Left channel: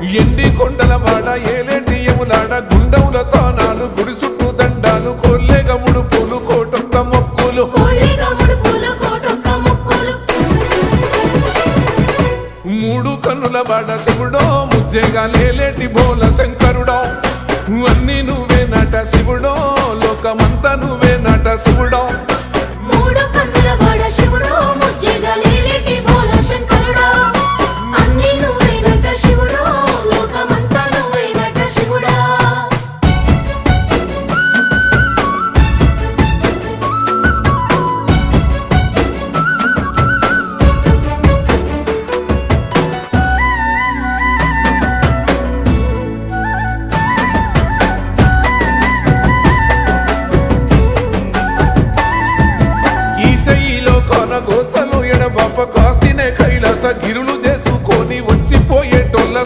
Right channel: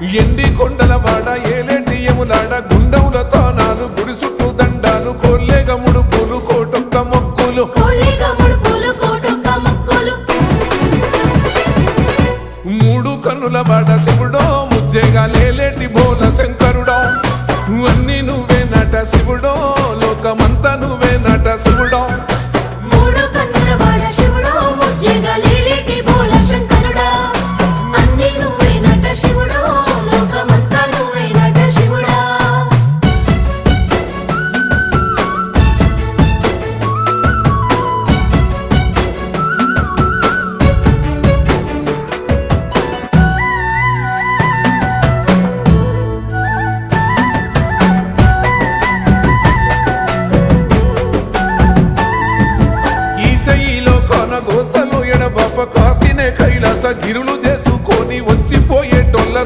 ఎండి కొండల వాడ ఏలేటియములాడ గుండముల తానాలు గుడి చుట్టూ దండాలు కోల్లేగ ముడుపులు కోటొక్క మొక్కులు మూడు కన్నుల వాడ శివుడో ముజ్జేగా లేలేటి బోల శంకరుడో అన్ని నువ్వే నట శివుడో లోకమంతా నువ్వే నట శివుడో ఈశయిలో కొనగోసలు ఎడబాప కాసినే కైలాస గిరులు చేసుకొని వచ్చిపోయేటోళ్ళ